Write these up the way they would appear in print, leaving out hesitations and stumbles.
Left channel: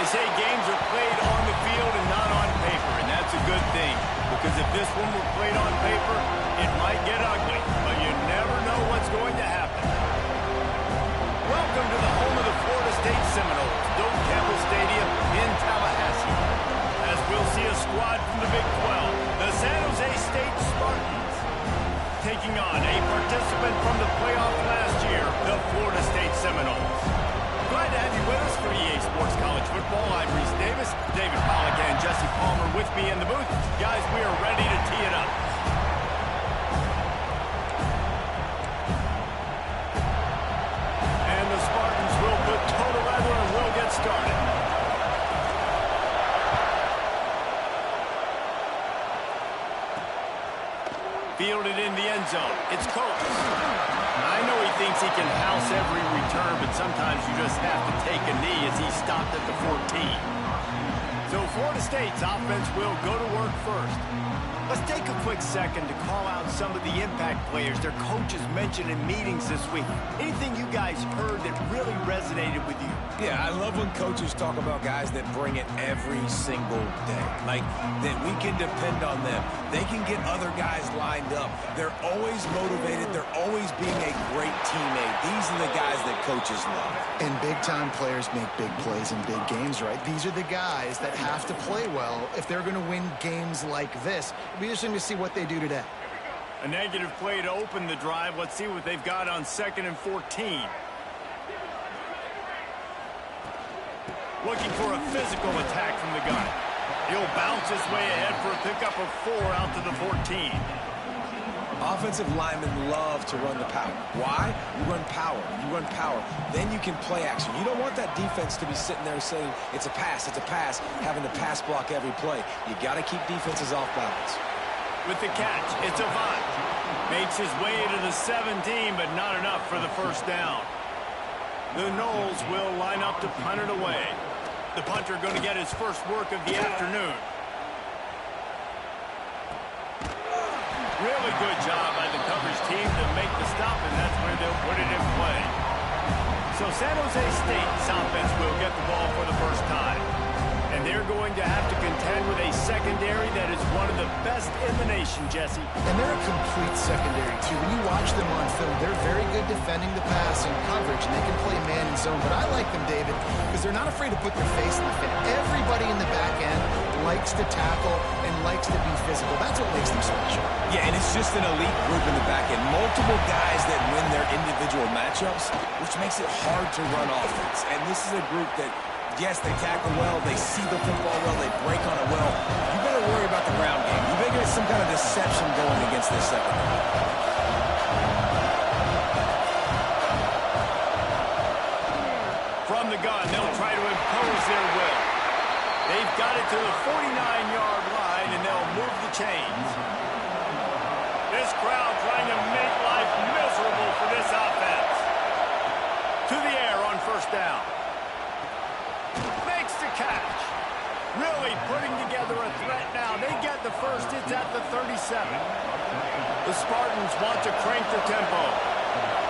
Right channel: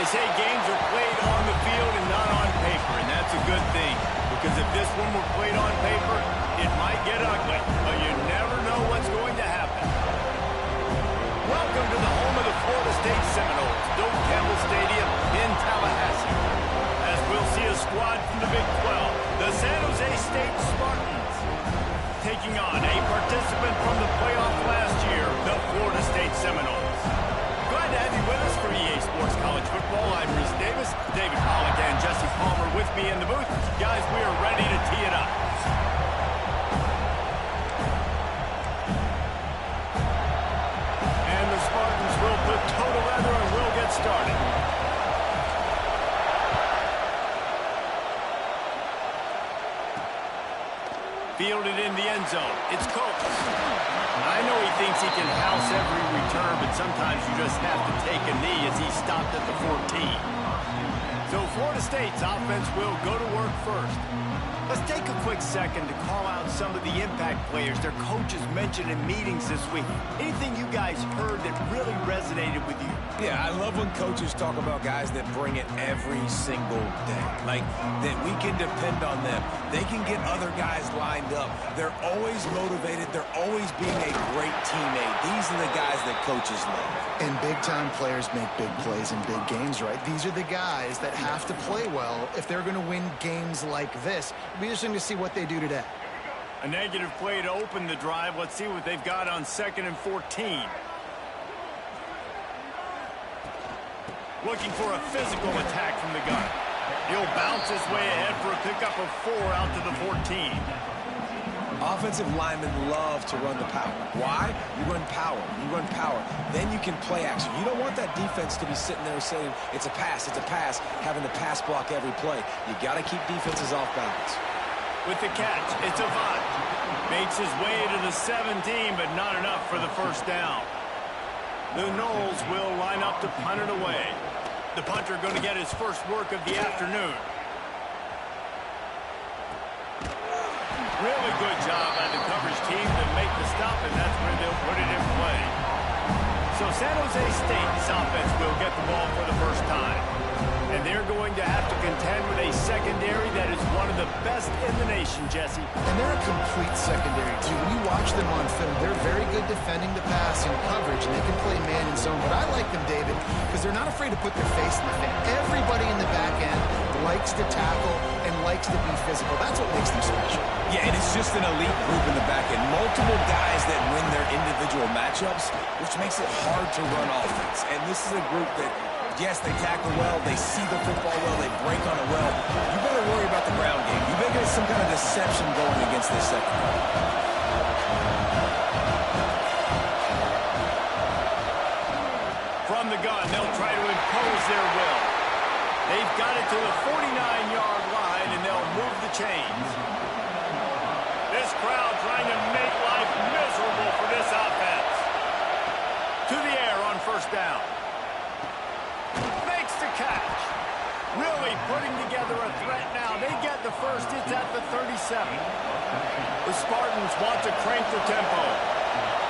They say games are played on the field and not on paper, and that's a good thing. Because if this one were played on paper, it might get ugly, but you never know what's going to happen. Welcome to the home of the Florida State Seminoles, Doak Campbell Stadium in Tallahassee. As we'll see a squad from the Big 12, the San Jose State Spartans, taking on a participant from the playoff last year, the Florida State Seminoles. Glad to have you with us for EA Sports College Football. I'm Reese Davis, David Pollack and Jesse Palmer with me in the booth. Guys, we are ready to tee it up. And the Spartans will put toe to leather and we'll get started. Fielded in the end zone. It's Coates. I know he thinks he can house every return, but sometimes you just have to take a knee as he stopped at the 14. So Florida State's offense will go to work first. Let's take a quick second to call out some of the impact players their coaches mentioned in meetings this week. Anything you guys heard that really resonated with you? Yeah, I love when coaches talk about guys that bring it every single day. Like, that we can depend on them. They can get other guys lined up. They're always motivated. They're always being a great teammate. These are the guys that coaches love. And big-time players make big plays in big games, right? These are the guys that have to play well if they're going to win games like this. It'll be interesting to see what they do today. A negative play to open the drive. Let's see what they've got on 2nd and 14. Looking for a physical attack from the gun. He'll bounce his way ahead for a pickup of 4 out to the 14. Offensive linemen love to run the power. Why? You run power. You run power. Then you can play action. You don't want that defense to be sitting there saying, it's a pass, having to pass block every play. You got to keep defenses off balance. With the catch, it's Avant. Makes his way to the 17, but not enough for the first down. The Noles will line up to punt it away. The punter going to get his first work of the afternoon. Really good job by the coverage team to make the stop, and that's where they'll put it in play. So San Jose State's offense will get the ball for the first time. And they're going to have to contend with a secondary that is one of the best in the nation, Jesse. And they're a complete secondary, too. When you watch them on film, they're very good defending the pass and coverage, and they can play man and zone. But I like them, David, because they're not afraid to put their face in the fan. Everybody in the back end likes to tackle and likes to be physical. That's what makes them special. Yeah, and it's just an elite group in the back end. Multiple guys that win their individual matchups, which makes it hard to run offense. And this is a group that, yes, they tackle well, they see the football well, they break on it well. You better worry about the ground game. You better get some kind of deception going against this secondary. From the gun, they'll try to impose their will. They've got it to the 49-yard line, and they'll move the chains. This crowd trying to make life miserable for this offense. To the air on first down. Makes the catch. Really putting together a threat now. They get the first. It's at the 37. The Spartans want to crank their tempo.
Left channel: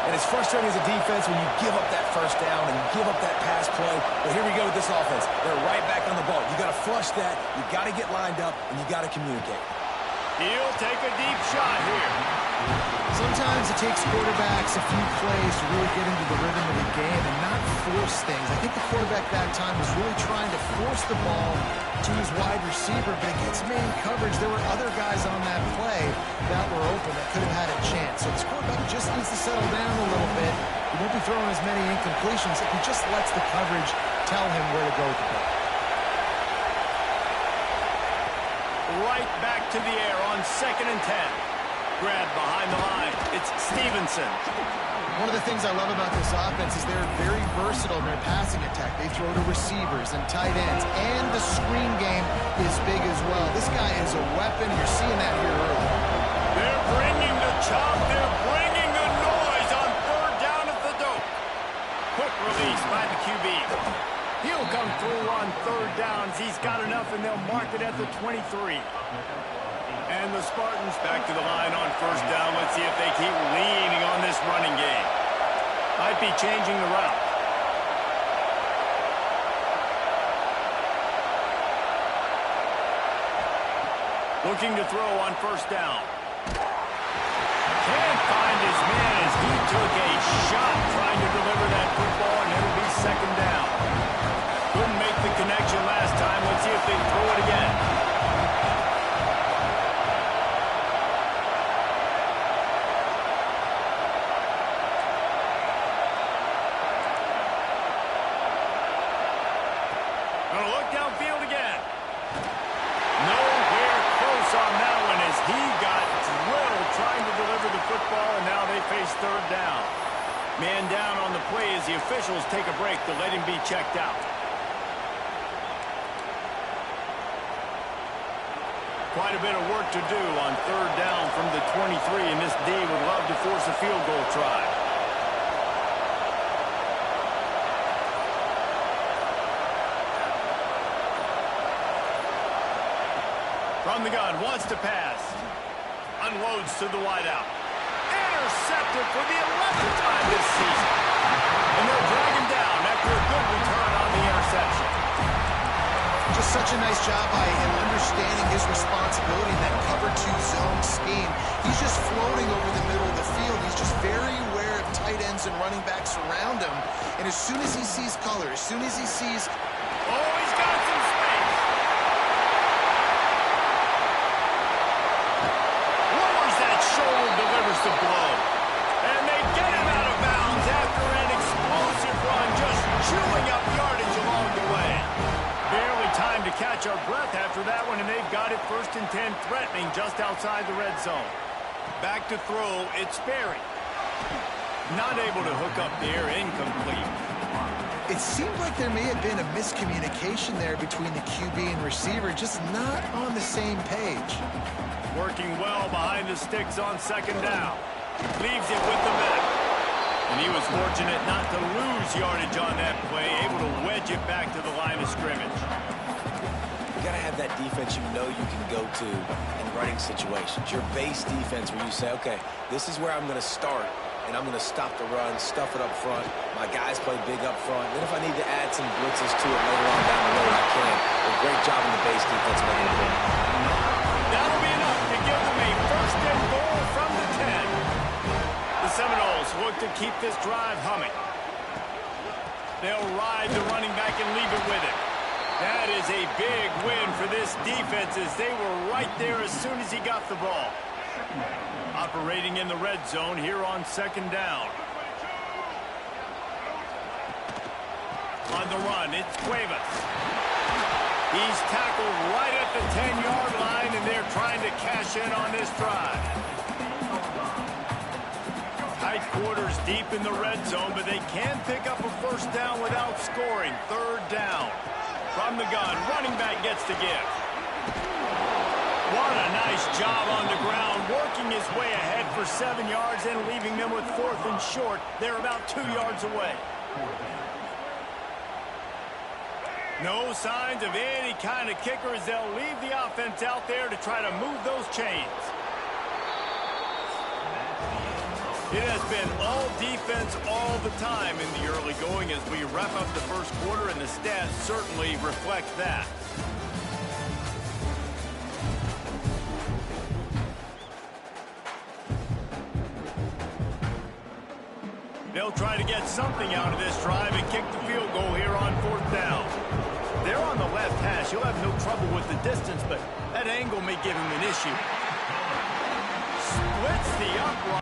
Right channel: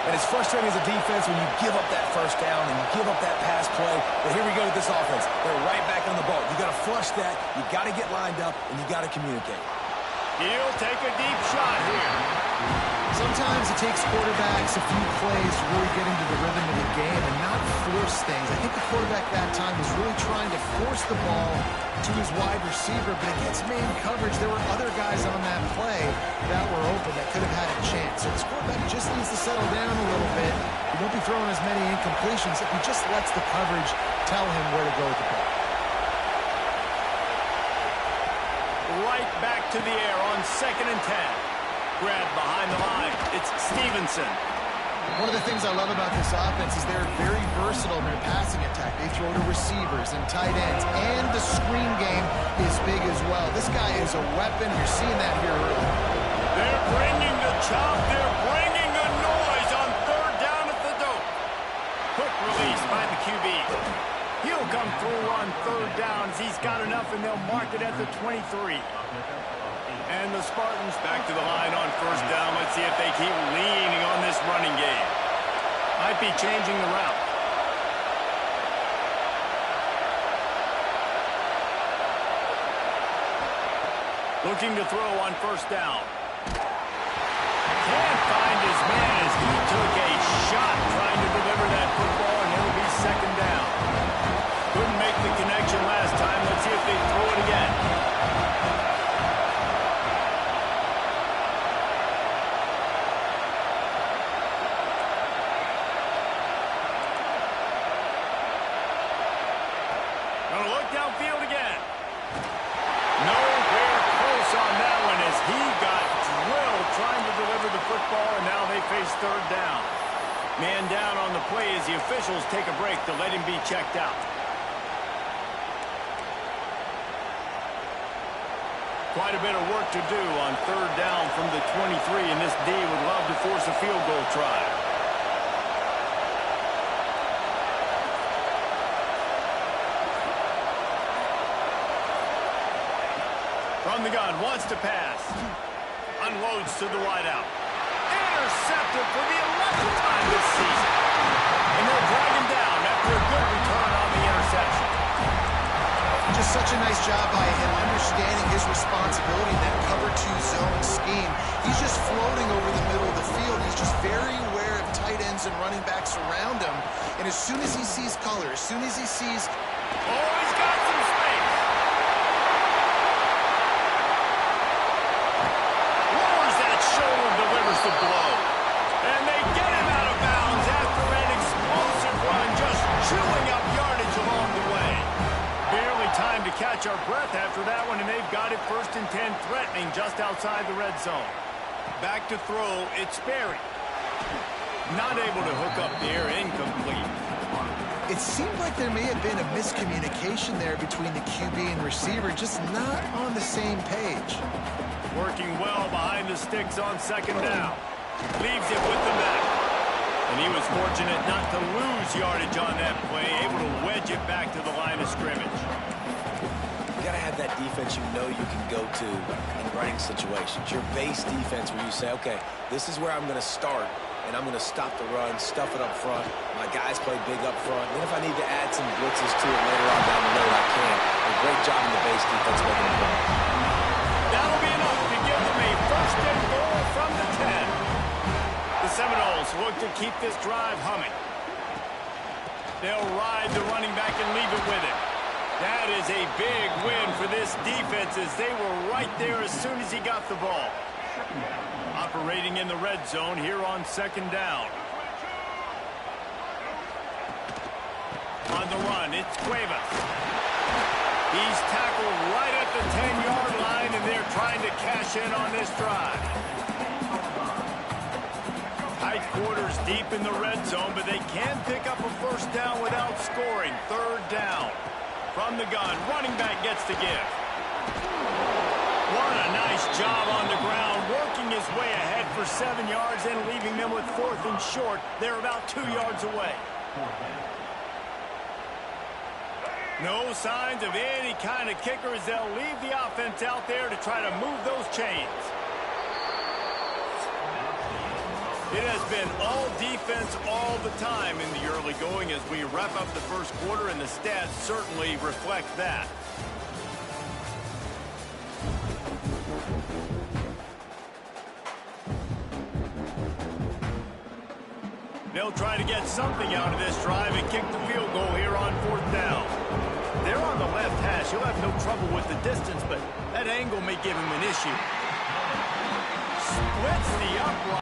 And it's frustrating as a defense when you give up that first down and you give up that pass play. But here we go with this offense. They're right back on the ball. You got to flush that. You got to get lined up, and you got to communicate. He'll take a deep shot here. Sometimes it takes quarterbacks a few plays to really get into the rhythm of the game and not force things. I think the quarterback that time was really trying to force the ball to his wide receiver, but against man coverage, there were other guys on that play that were open that could have had a chance. So this quarterback just needs to settle down a little bit. He won't be throwing as many incompletions if he just lets the coverage tell him where to go with the ball. Right back to the air on 2nd and 10. Grabbed behind the line. It's Stevenson. One of the things I love about this offense is they're very versatile in their passing attack. They throw to receivers and tight ends, and the screen game is big as well. This guy is a weapon. You're seeing that here early. They're bringing the chop. They're bringing the noise on 3rd down at the Doak. Quick release by the QB. He'll come through on 3rd downs. He's got enough, and they'll mark it at the 23. And the Spartans back to the line on 1st down. Let's see if they keep leaning on this running game. Might be changing the route. Looking to throw on first down. Can't find his man as he took a shot trying to deliver that football, and it'll be second down. Couldn't make the connection last time. Let's see if they throw it again. Gonna look downfield again. Nowhere close on that one as he got drilled trying to deliver the football, and now they face third down. Man down on the play as the officials take a break to let him be checked out. Quite a bit of work to do on third down from the 23, and this D would love to force a field goal try. From the gun, wants to pass. Unloads to the wideout. Intercepted for the 11th time this season. And they'll drag him down after a good return on the interception. Just such a nice job by him understanding his responsibility in that cover 2 zone scheme. He's just floating over the middle of the field. He's just very aware of tight ends and running backs around him. And as soon as he sees color, as soon as he sees... Oh, he's got some space. Lowers that shoulder, delivers the blow. And they get him out of bounds after an explosive run, just chewing up yardage along the way. Barely time to catch our breath after that one, and they've got it 1st and 10, threatening just outside the red zone. Back to throw, it's Sperry. Not able to hook up there, incomplete. It seemed like there may have been a miscommunication there between the QB and receiver, just not on the same page. Working well behind the sticks on second down. Leaves it with the back. And he was fortunate not to lose yardage on that play, able to wedge it back to the line of scrimmage. You got to have that defense you know you can go to in running situations. Your base defense where you say, okay, this is where I'm going to start, and I'm going to stop the run, stuff it up front. My guys play big up front. Then if I need to add some blitzes to it later on down the road, I can. A great job in the base defense making it work. That'll be enough to give them a 1st and goal from the 10. The Seminoles look to keep this drive humming. They'll ride the running back and leave it with him. That is a big win for this defense as they were right there as soon as he got the ball. Operating in the red zone here on second down. On the run, it's Cuevas. He's tackled right at the 10-yard line, and they're trying to cash in on this drive. Tight quarters deep in the red zone, but they can pick up a 1st down without scoring. Third down. From the gun, running back gets the give. What a nice job on the ground, working his way ahead for 7 yards and leaving them with 4th and short. They're about 2 yards away. No signs of any kind of kicker as they'll leave the offense out there to try to move those chains. It has been all defense all the time in the early going as we wrap up the 1st quarter, and the stats certainly reflect that. They'll try to get something out of this drive and kick the field goal here on 4th down. They're on the left hash. He'll have no trouble with the distance, but that angle may give him an issue. Splits the upright.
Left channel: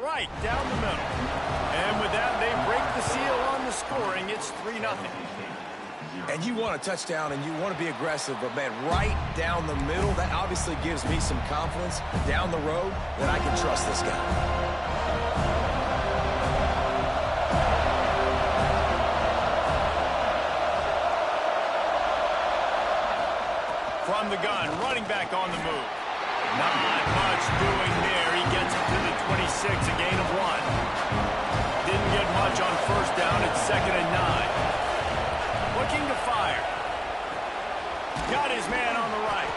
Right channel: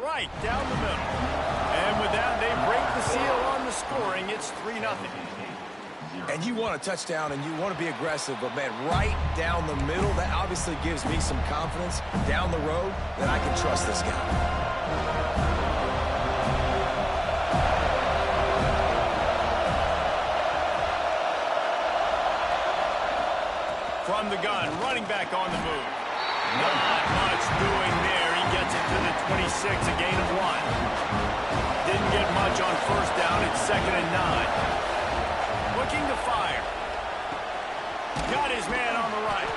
right down the middle. And with that, they break the seal on the scoring. It's 3-0. And you want a touchdown and you want to be aggressive, but, man, right down the middle, that obviously gives me some confidence down the road that I can trust this guy. From the gun, running back on the move. Not much doing there. He gets it to the 26, a gain of 1. Didn't get much on first down. It's 2nd and 9. Looking to fire. Got his man on the right.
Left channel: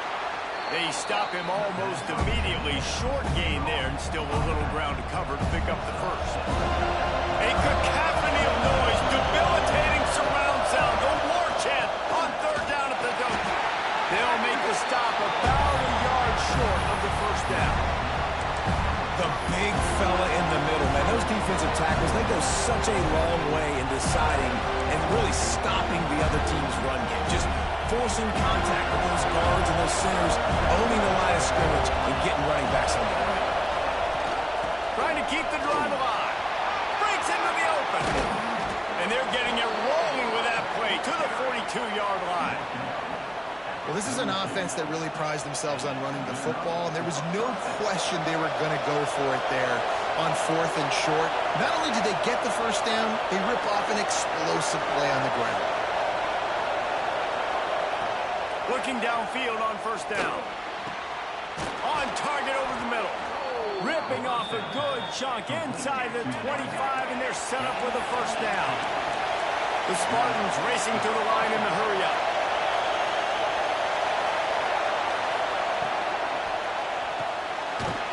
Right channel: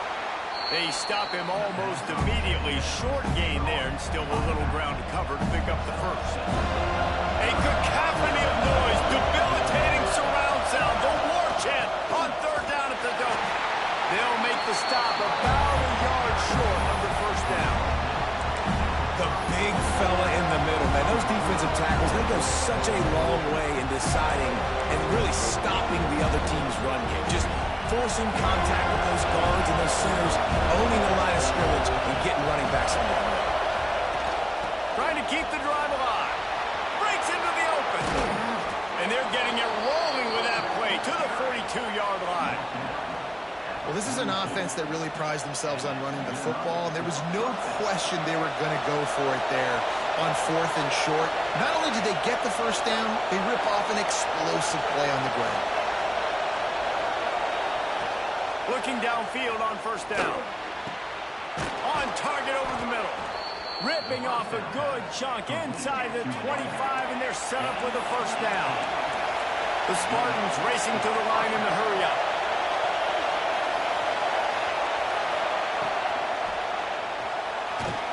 They stop him almost immediately. Short gain there, and still a little ground to cover to pick up the first. A cacophony of noise, debilitating surround sound, the war chant on 3rd down at the Doak. They'll make the stop about a yard short of the first down. The big fella in the middle, man. Those defensive tackles, they go such a long way in deciding and really stopping the other team's run game. Just forcing contact with those guards and those centers, owning the line of scrimmage, and getting running backs on the ground. Trying to keep the drive alive. Breaks into the open. And they're getting it rolling with that play to the 42-yard line. Well, this is an offense that really prides themselves on running the football, and there was no question they were going to go for it there on 4th and short. Not only did they get the first down, they rip off an explosive play on the ground. Looking downfield on 1st down. On target over the middle. Ripping off a good chunk inside the 25, and they're set up with a first down. The Spartans racing to the line in the hurry-up.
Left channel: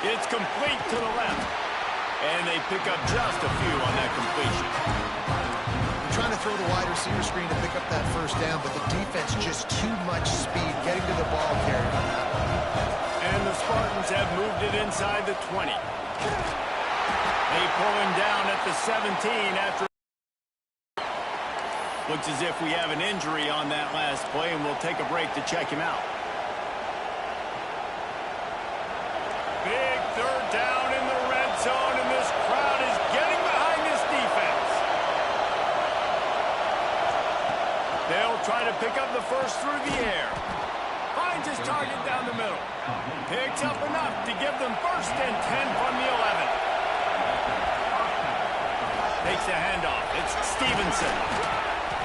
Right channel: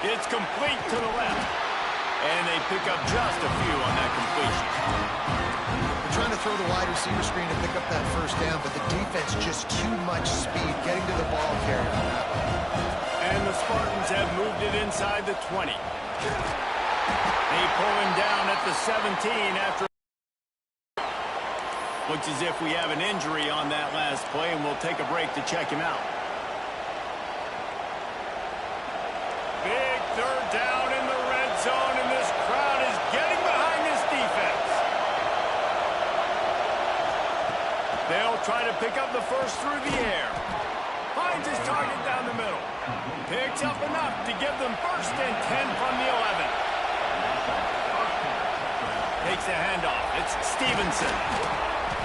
It's complete to the left. And they pick up just a few on that completion. They're trying to throw the wide receiver screen to pick up that first down, but the defense just too much speed getting to the ball carrier on that one. And the Spartans have moved it inside the 20. They pull him down at the 17 after. Looks as if we have an injury on that last play, and we'll take a break to check him out. Big 3rd down in the red zone, and this crowd is getting behind this defense. They'll try to pick up the first through the air. Finds his target down the middle. Picks up enough to give them 1st and 10 from the 11. Takes a handoff. It's Stevenson.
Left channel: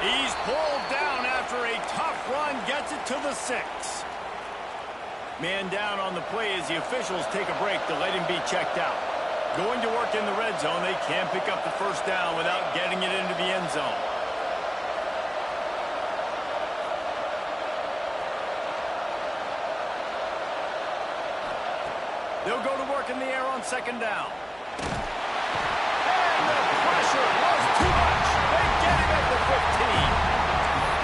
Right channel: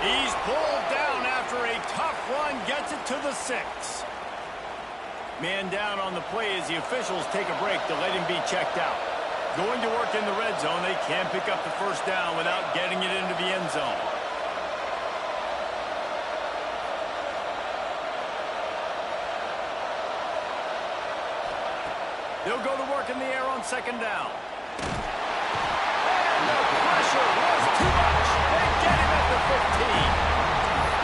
He's pulled down after a tough run. Gets it to the 6. Man down on the play as the officials take a break to let him be checked out. Going to work in the red zone. They can't pick up the first down without getting it into the end zone. They'll go to work in the air on 2nd down. And the pressure was too much. They get him at the 15.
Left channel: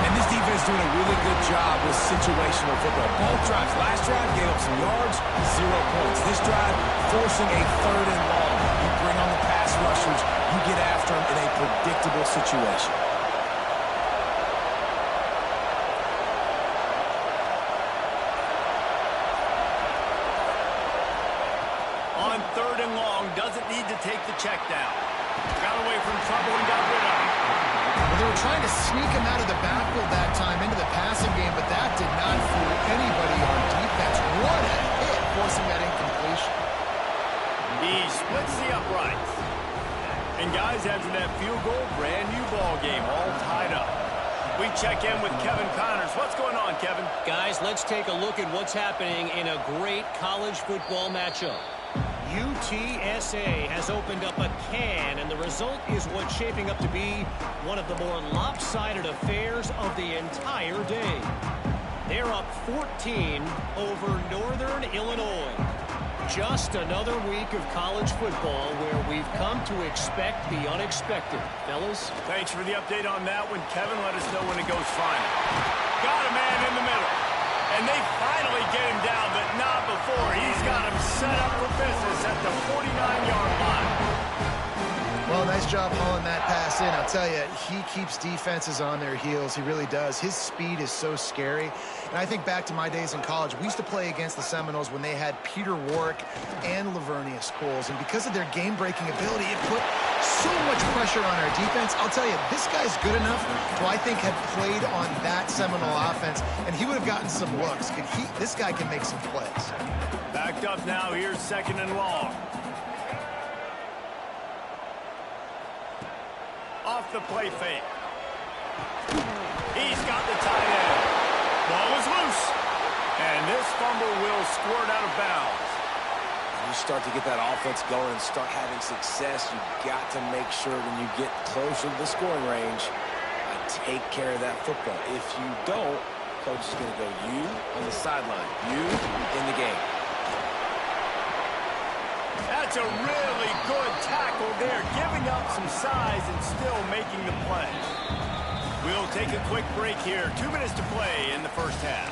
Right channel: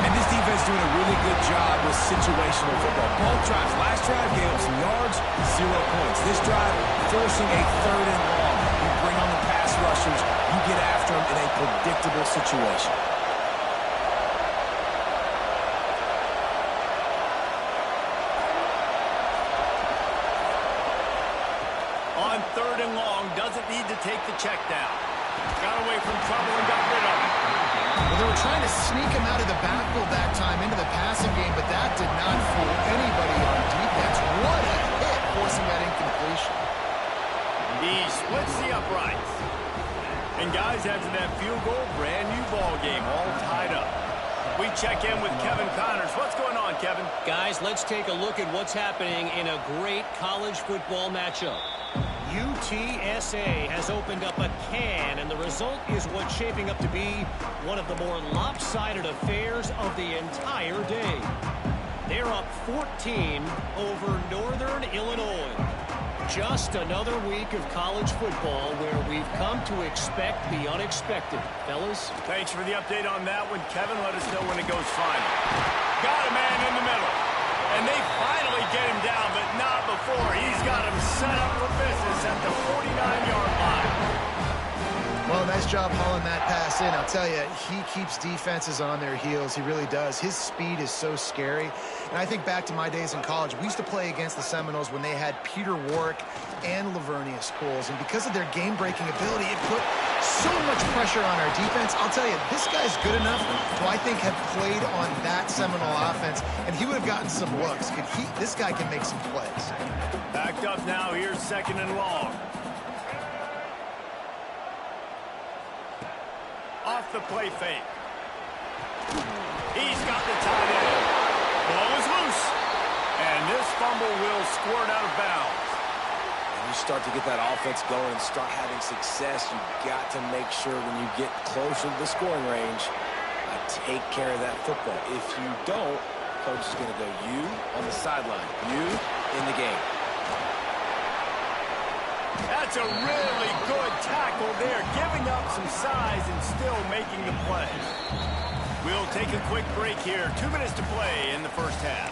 And this defense doing a really good job with situational football. Both drives. Last drive gave up some yards, 0 points. This drive forcing a 3rd and long. You bring on the pass rushers. You get after them in a predictable situation. On 3rd and long, doesn't need to take the check down. Got away from trouble and got rid of him. Well, they were trying to sneak him out of the backfield that time into the passing game, but that did not fool anybody on defense. What a hit, forcing that incompletion. He splits the uprights. And guys, after that field goal, brand new ball game, all tied up. We check in with Kevin Connors. What's going on, Kevin? Guys, let's take a look at what's happening in a great college football matchup. UTSA has opened up a can, and the result is what's shaping up to be one of the more lopsided affairs of the entire day. They're up 14 over Northern Illinois. Just another week of college football where we've come to expect the unexpected. Fellas? Thanks for the update on that one, Kevin. Let us know when it goes final. Got a man in the middle. And they finally get him down, but not before. He's got him set up for business at the 49-yard line. Well, nice job hauling that pass in. I'll tell you, he keeps defenses on their heels. He really does. His speed is so scary. And I think back to my days in college, we used to play against the Seminoles when they had Peter Warrick and Lavernius Coles. And because of their game-breaking ability, it put so much pressure on our defense. I'll tell you, this guy's good enough to, I think, have played on that Seminole offense, and he would have gotten some looks. This guy can make some plays. Backed up now. Here's 2nd and long. Off the play fake. He's got the tight end. Ball is loose. And this fumble will squirt out of bounds. When you start to get that offense going and start having success, you've got to make sure when you get closer to the scoring range, take care of that football. If you don't, coach is going to go you on the sideline, you in the game. That's a really good tackle there, giving up some size and still making the play. We'll take a quick break here. 2 minutes to play in the first half.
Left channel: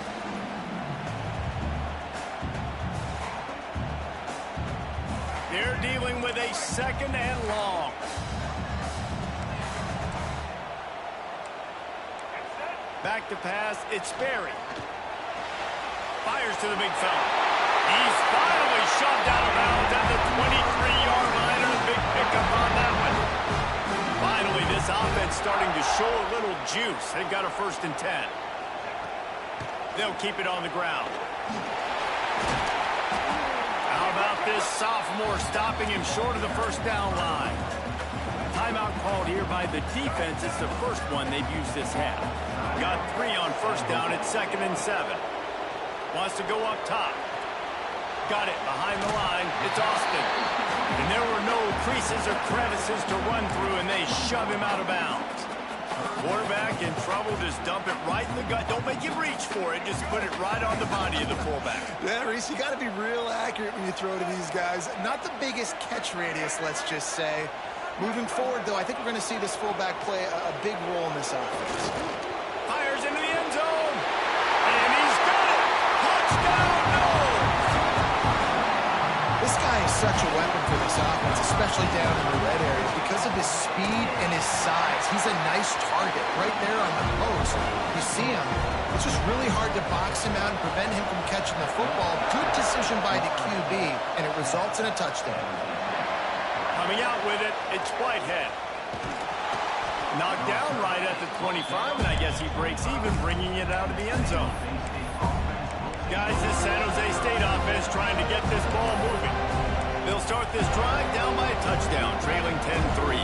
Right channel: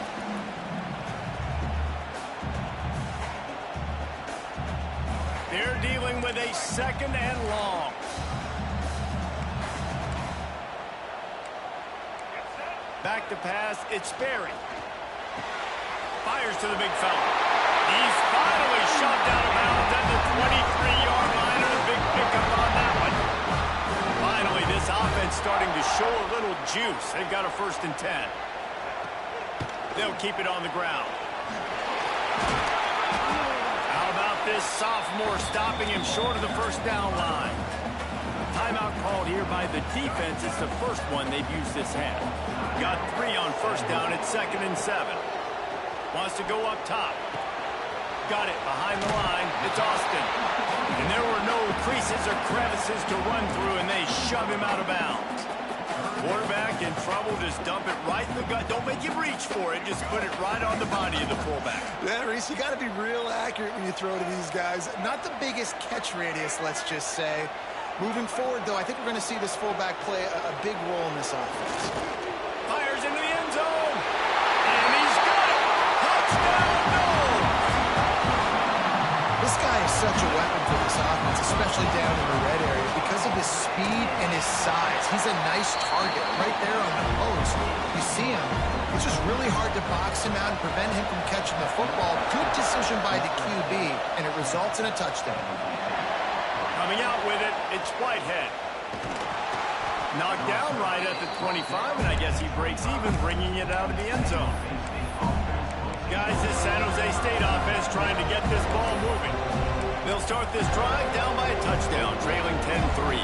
They're dealing with a 2nd and long. Back to pass, it's Berry. Fires to the big fella. He's finally shoved out of bounds at the 23-yard line, and a big pickup on that one. Finally, this offense starting to show a little juice. They've got a 1st and 10. They'll keep it on the ground. How about this sophomore stopping him short of the 1st down line? Timeout called here by the defense. It's the first one they've used this half. Got 3 on 1st down. It's 2nd and 7. Wants to go up top. Got it behind the line. It's Austin. And there were no creases or crevices to run through, and they shove him out of bounds. Quarterback in trouble. Just dump it right in the gut. Don't make him reach for it. Just put it right on the body of the fullback. Yeah, Reese, you got to be real accurate when you throw to these guys. Not the biggest catch radius, let's just say. Moving forward, though, I think we're going to see this fullback play a big role in this offense. Fires into the end zone. And he's got it. Touchdown, no! This guy is such a weapon for this offense, especially down in the red area, because of his speed and his size. He's a nice target right there on the post. You see him. It's just really hard to box him out and prevent him from catching the football. Good decision by the QB, and it results in a touchdown. Coming out with it, it's Whitehead. Knocked down right at the 25, and I guess he breaks even, bringing it out of the end zone. Guys, this San Jose State offense trying to get this ball moving. They'll start this drive down by a touchdown, trailing 10-3.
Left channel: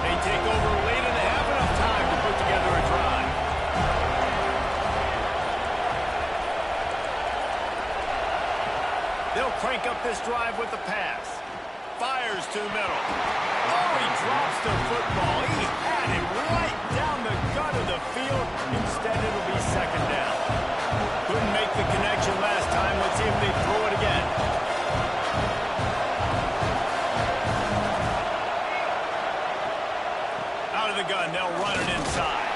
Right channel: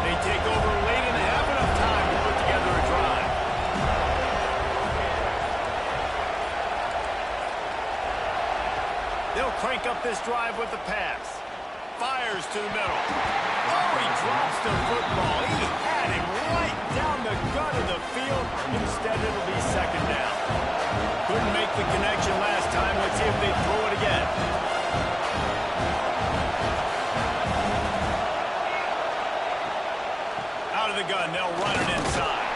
They take over late in the half, enough time to put together a drive. They'll crank up this drive with the pass. Fires to the middle. Oh, he drops the football. He had it right down the gut of the field. Instead, it'll be 2nd down. Couldn't make the connection last time. Let's see if they throw it again. Out of the gun, they'll run it inside.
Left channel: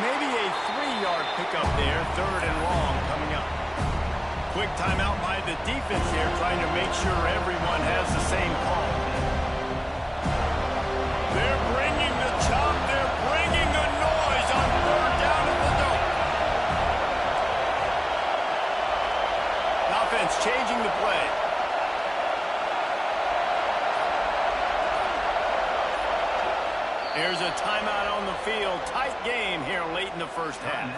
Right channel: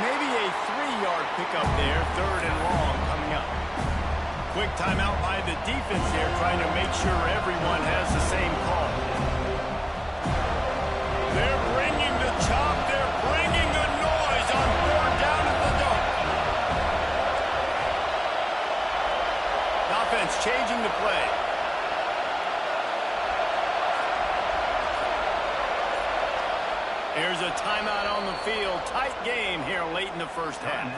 Maybe a 3-yard pickup there. 3rd and long coming up. Quick timeout by the defense here, trying to make sure everyone has the same call. They're bringing the chop. They're bringing the noise on 3rd down at the dome. The offense changing the play. Here's a timeout on the field. Tight game here late in the first half.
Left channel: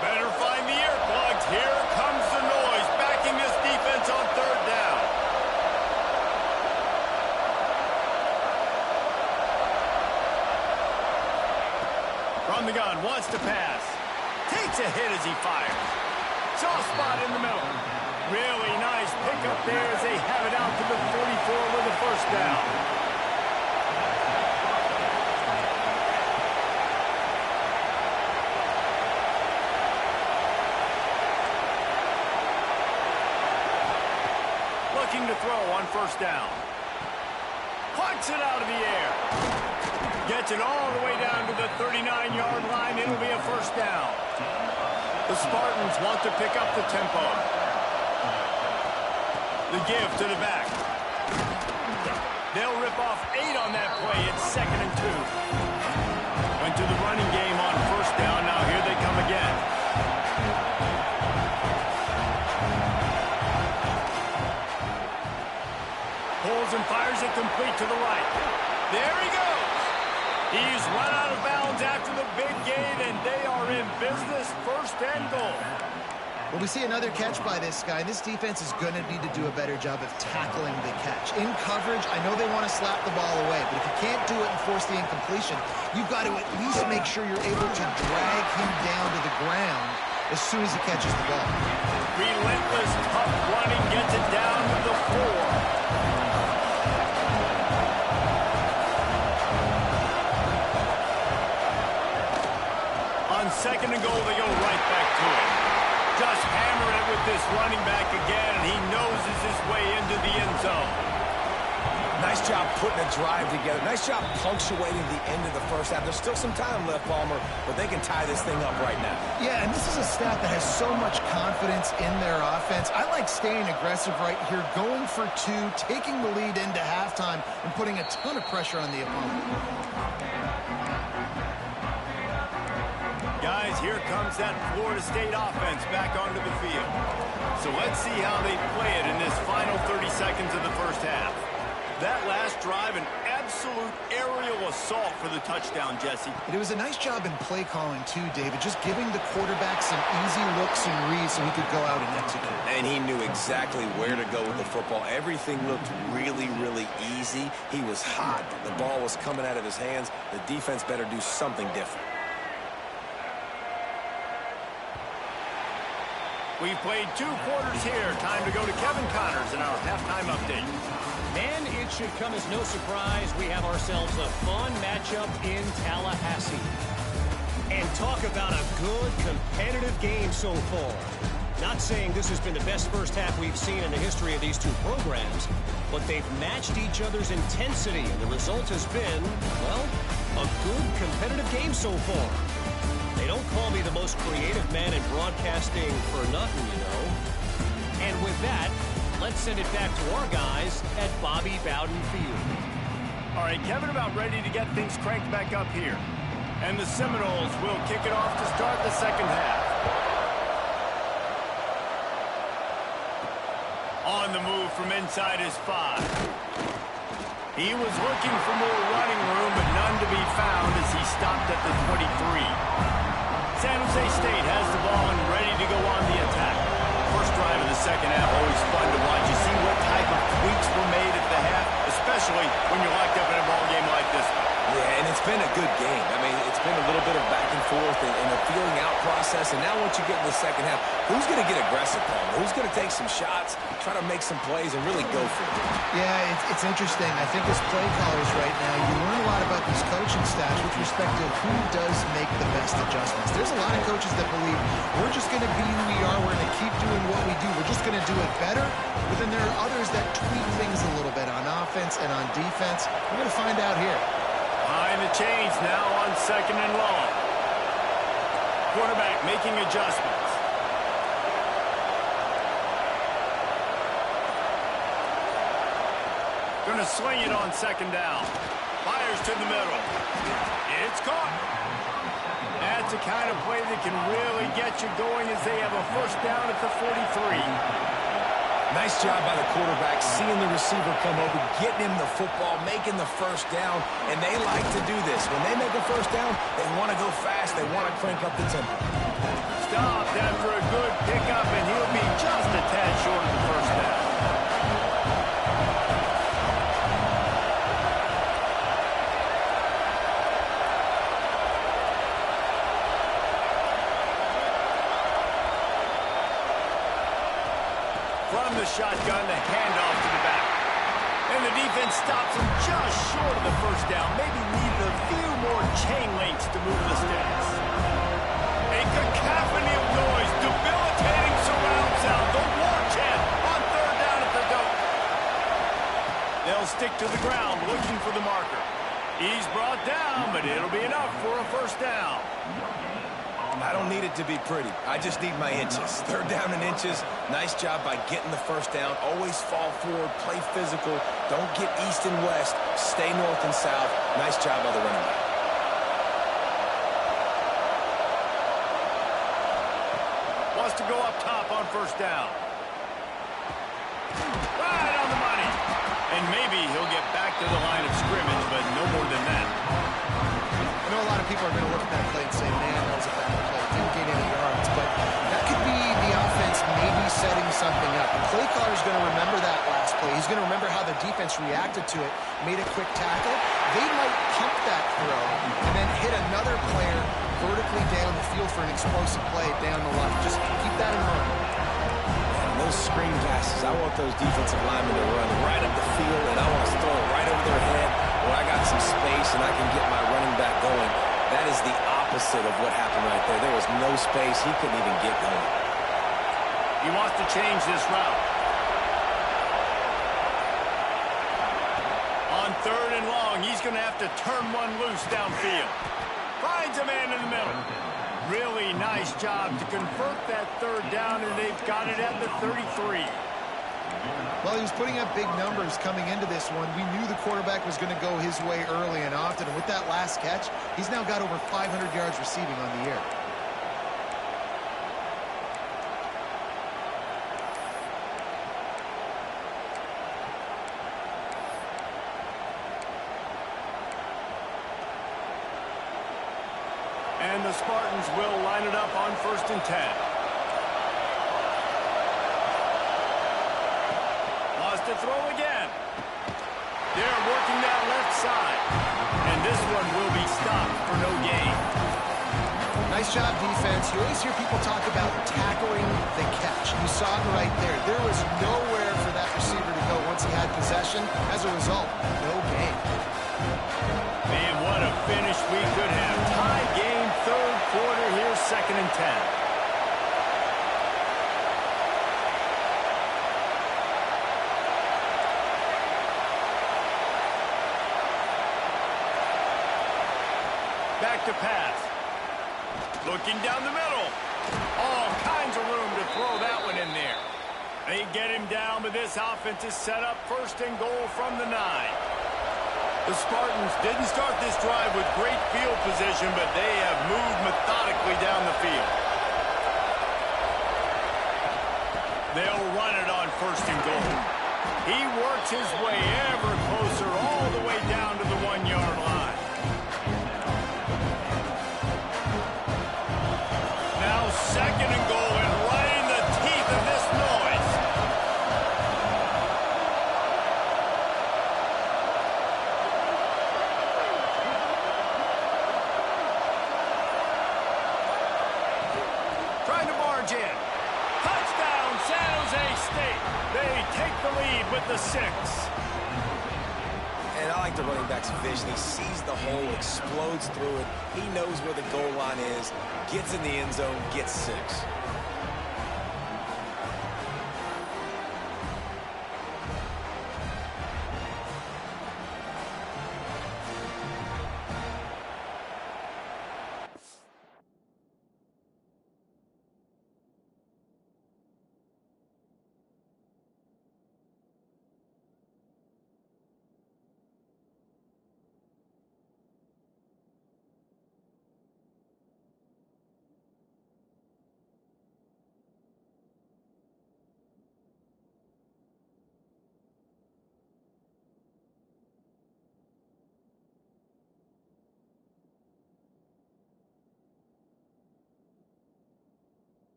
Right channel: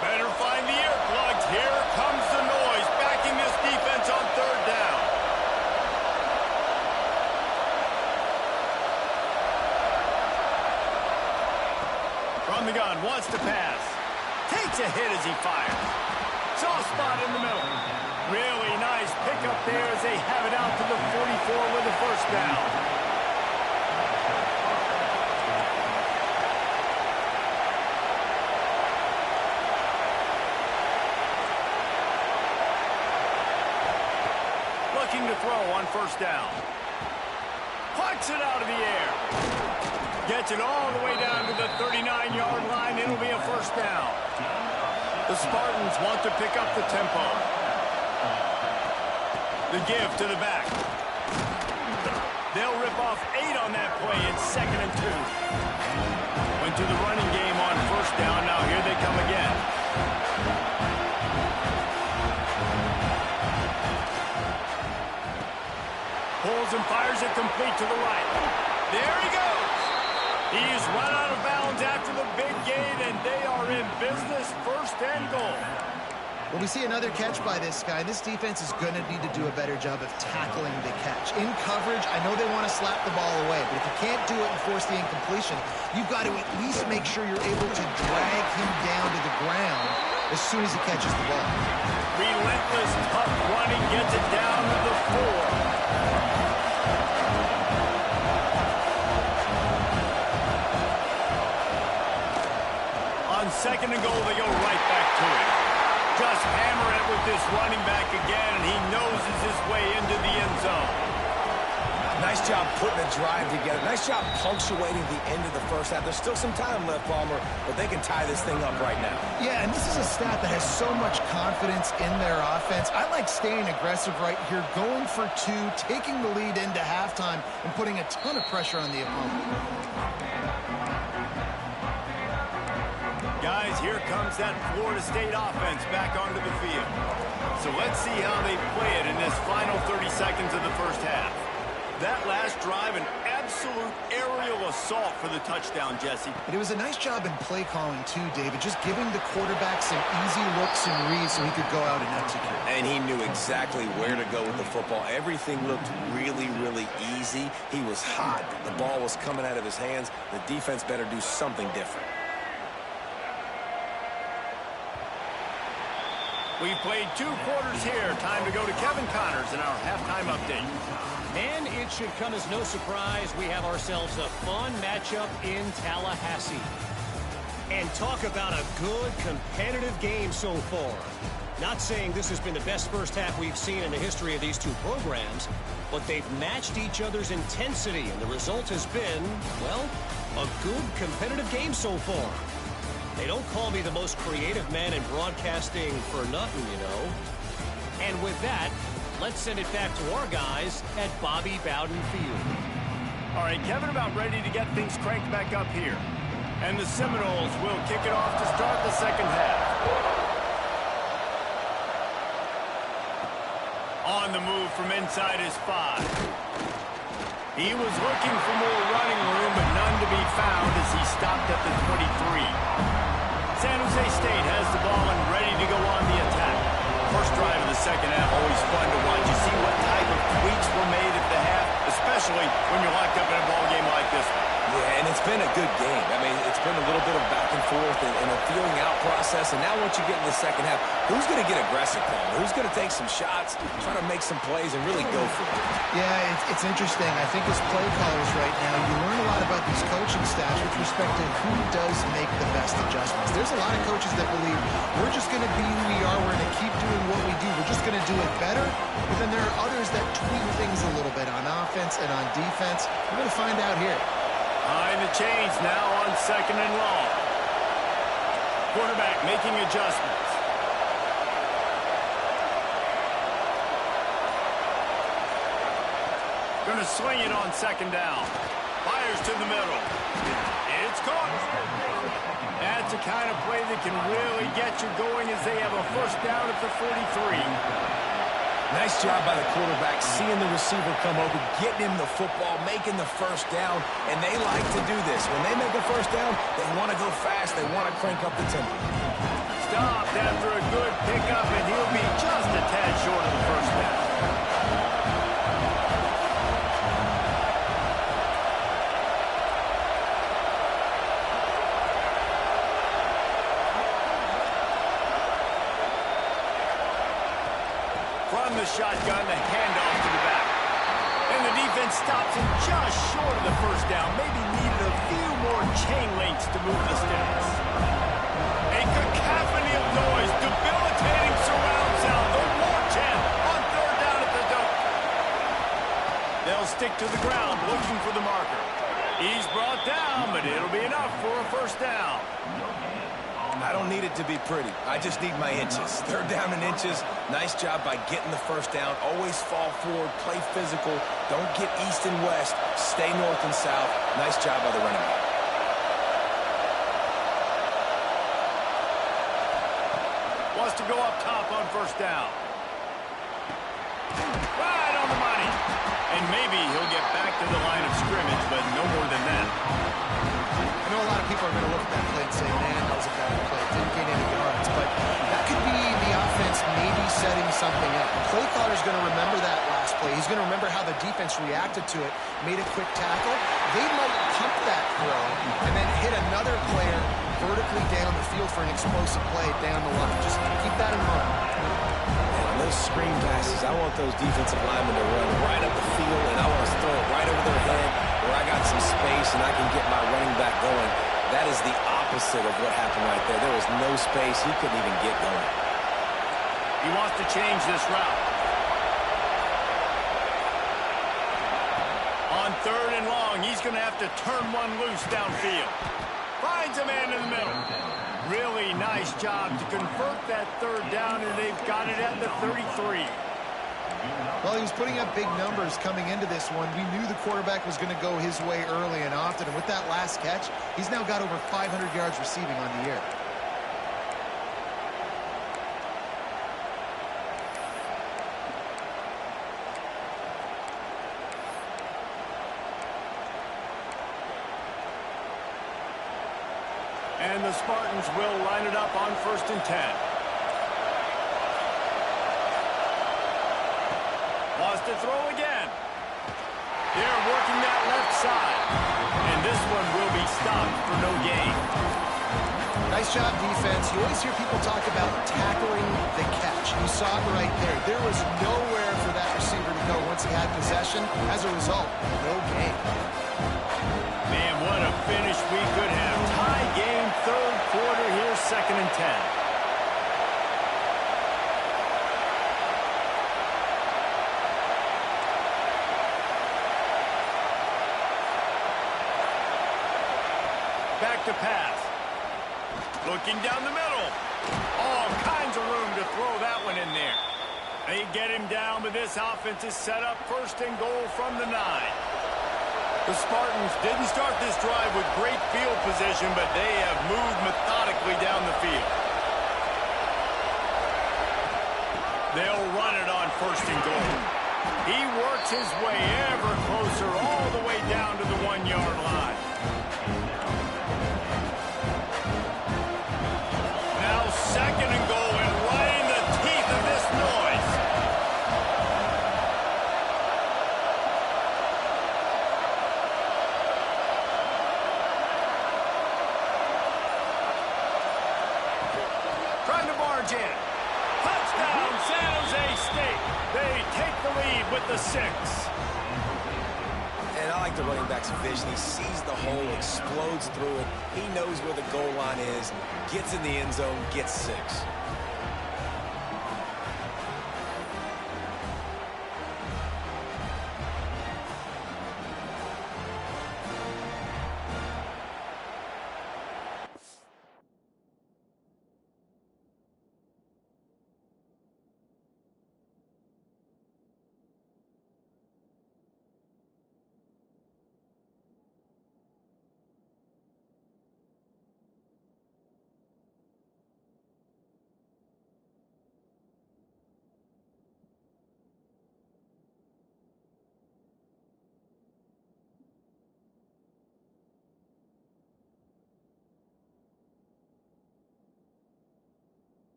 Better find the earplugs. Here comes the noise, backing this defense on 3rd down. From the gun, wants to pass. Takes a hit as he fires. Soft spot in the middle. Really nice pickup there as they have it out to the 44 with the 1st down. Looking to throw on 1st down. Plucks it out of the air. Gets it all the way down to the 39-yard line. It'll be a first down. The Spartans want to pick up the tempo. The give to the back. They'll rip off 8 on that play. It's 2nd and 2. Went to the running game on first down. Now here they come again. Pulls and fires it complete to the right. There he goes. He's run out of bounds after the big gain, and they are in business. First and goal. Well, we see another catch by this guy. This defense is going to need to do a better job of tackling the catch. In coverage, I know they want to slap the ball away, but if you can't do it and force the incompletion, you've got to at least make sure you're able to drag him down to the ground as soon as he catches the ball. Relentless, tough running gets it down to the 4. On 2nd and goal, they go right back to it. Just hammer it with this running back again, and he noses his way into the end zone. Nice job putting a drive together. Nice job punctuating the end of the first half. There's still some time left, Palmer, but they can tie this thing up right now. Yeah, and this is a staff that has so much confidence in their offense. I like staying aggressive right here, going for 2, taking the lead into halftime, and putting a ton of pressure on the opponent. Guys, here comes that Florida State offense back onto the field. So let's see how they play it in this final 30 seconds of the first half. That last drive, an absolute aerial assault for the touchdown, Jesse. It was a nice job in play calling, too, David, just giving the quarterback some easy looks and reads so he could go out and execute. And he knew exactly where to go with the football. Everything looked really, really easy. He was hot. The ball was coming out of his hands. The defense better do something different. We've played 2 quarters here. Time to go to Kevin Connors in our halftime update. And it should come as no surprise we have ourselves a fun matchup in Tallahassee. And talk about a good competitive game so far. Not saying this has been the best first half we've seen in the history of these 2 programs, but they've matched each other's intensity, and the result has been, well, a good competitive game so far. They don't call me the most creative man in broadcasting for nothing, you know. And with that, let's send it back to our guys at Bobby Bowden Field. All right, Kevin about ready to get things cranked back up here. And the Seminoles will kick it off to start the second half. On the move from inside his 5. He was looking for more running room, but none to be found as he stopped at the 23. San Jose State has the ball and ready to go on the attack. First drive of the second half, always fun to watch. You see what type of tweaks were made at the half, especially when you're locked up in a ball game like this one. Yeah, and it's been a good game. I mean, it's been a little bit of back and forth and a feeling out process. And now once you get in the second half, who's going to get aggressive, Palmer? Who's going to take some shots, try to make some plays, and really go for it? Yeah, it's interesting. I think as play callers right now, you learn a lot about these coaching staffs with respect to who does make the best adjustments. There's a lot of coaches that believe we're just going to be who we are. We're going to keep doing what we do. We're just going to do it better. But then there are others that tweak things a little bit on offense and on defense. We're going to find out here. Behind the chains now on 2nd and long. Quarterback making adjustments. Going to sling it on 2nd down. Fires to the middle. It's caught. That's a kind of play that can really get you going as they have a first down at the 43. Nice job by the quarterback, seeing the receiver come over, getting him the football, making the first down, and they like to do this. When they make a first down, they want to go fast. They want to crank up the tempo. Stopped after a good pickup, and he'll be just a tad short of the first down. From the shotgun, the handoff to the back. And the defense stops him just short of the first down. Maybe needed a few more chain links to move the sticks. A cacophony of noise, debilitating surround sound. The war chant on 3rd down at the dope. They'll stick to the ground looking for the marker. He's brought down, but it'll be enough for a first down. I don't need it to be pretty. I just need my inches. Third down in inches. Nice job by getting the first down. Always fall forward, play physical. Don't get east and west. Stay north and south. Nice job by the running back. Wants to go up top on first down. Right on the money. And maybe he'll get back to the line of scrimmage, but no more than that. I know a lot of people are going to look at that play and say, man, that was a bad play. Didn't gain any yards. But that could be the offense maybe setting something up. The play caller's going to remember that last play. He's going to remember how the defense reacted to it, made a quick tackle. They might pump that throw and then hit another player vertically down the field for an explosive play down the line. Just keep that in mind. Those screen passes, I want those defensive linemen to run right up the field, and I want to throw it right over their head where I got some space and I can get my running back going. That is the opposite of what happened right there. There was no space. He couldn't even get going. He wants to change this route. On third and long, he's going to have to turn one loose downfield. Finds a man in the middle. Really nice job to convert that third down, and they've got it at the 33. Well, he was putting up big numbers coming into this one. We knew the quarterback was going to go his way early and often, and with that last catch, he's now got over 500 yards receiving on the year. And the Spartans will line it up on 1st and 10. Wants to throw again. They're working that left side. And this one will be stopped for no gain. Nice job, defense. You always hear people talk about tackling the catch. You saw it right there. There was nowhere for that receiver to go once he had possession. As a result, no gain. Man, what a finish we could have. Tie game, third quarter here, 2nd and 10. Back to pass. Looking down the middle. All kinds of room to throw that one in there. They get him down, but this offense is set up 1st and goal from the 9. The Spartans didn't start this drive with great field position, but they have moved methodically down the field. They'll run it on 1st and goal. He works his way ever closer all the way down to the 1-yard line. Now 2nd and goal, and right in the teeth of this noise. Trying to barge in. Touchdown, San Jose State. They take the lead with the 6. And I like the running back's vision. He sees the hole, explodes through it. He knows where the goal line is, gets in the end zone, gets 6.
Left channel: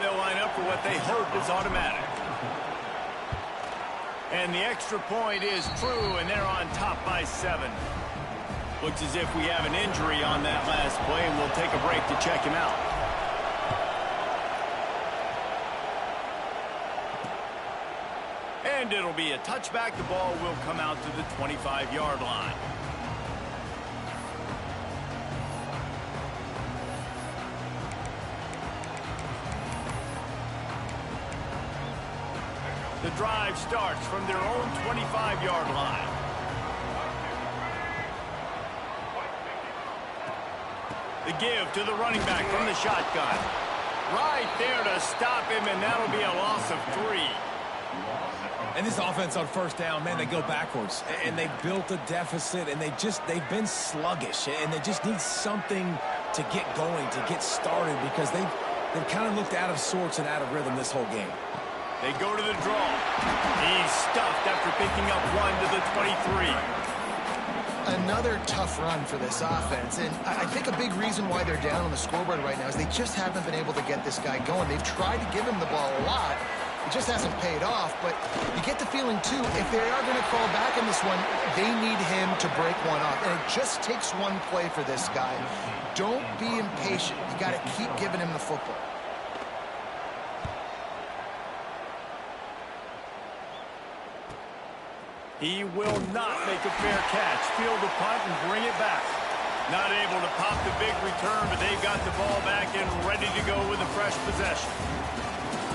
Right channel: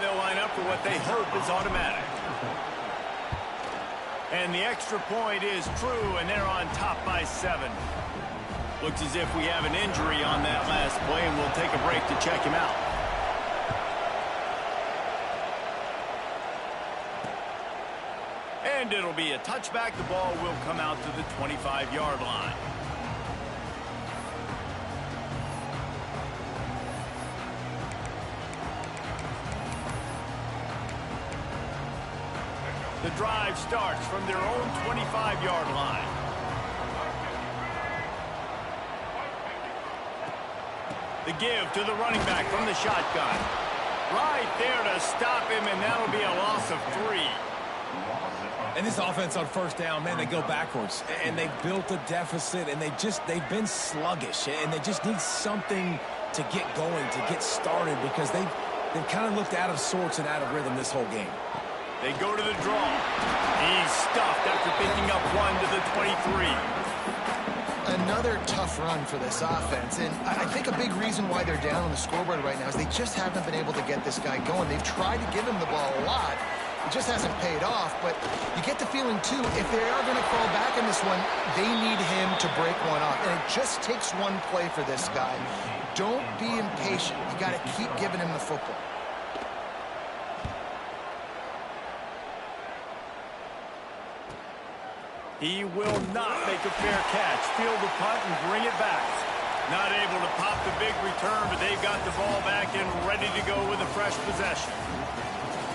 They'll line up for what they hope is automatic. And the extra point is true, and they're on top by 7. Looks as if we have an injury on that last play, and we'll take a break to check him out. And it'll be a touchback. The ball will come out to the 25-yard line. The drive starts from their own 25-yard line. The give to the running back from the shotgun. Right there to stop him, and that'll be a loss of 3. And this offense on first down, man, they go backwards. And they built a deficit, and they've been sluggish. And they just need something to get going, to get started, because they've kind of looked out of sorts and out of rhythm this whole game. They go to the draw. He's stuffed after picking up 1 to the 23. Another tough run for this offense, and I think a big reason why they're down on the scoreboard right now is they just haven't been able to get this guy going. They've tried to give him the ball a lot. It just hasn't paid off, but you get the feeling, too, if they are going to call back in this one, they need him to break one off, and it just takes one play for this guy. Don't be impatient. You got to keep giving him the football. He will not make a fair catch. Field the punt and bring it back. Not able to pop the big return, but they've got the ball back and ready to go with a fresh possession.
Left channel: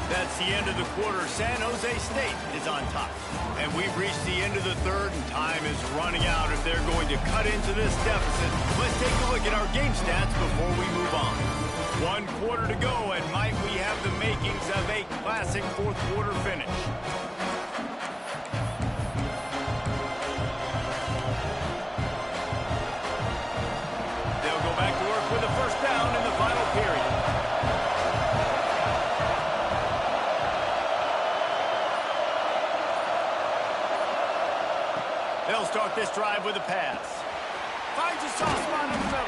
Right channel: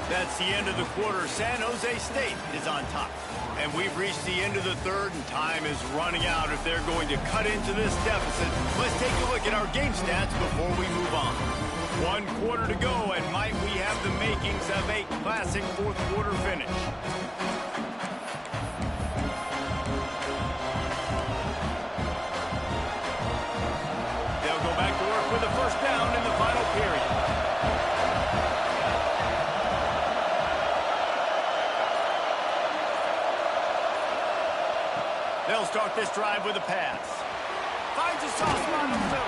That's the end of the quarter. San Jose State is on top. And we've reached the end of the third, and time is running out if they're going to cut into this deficit. Let's take a look at our game stats before we move on. 1 quarter to go, and might we have the makings of a classic fourth quarter finish. They'll go back to work with a first down in the final period. They'll start this drive with a pass. Finds a soft spot in the middle.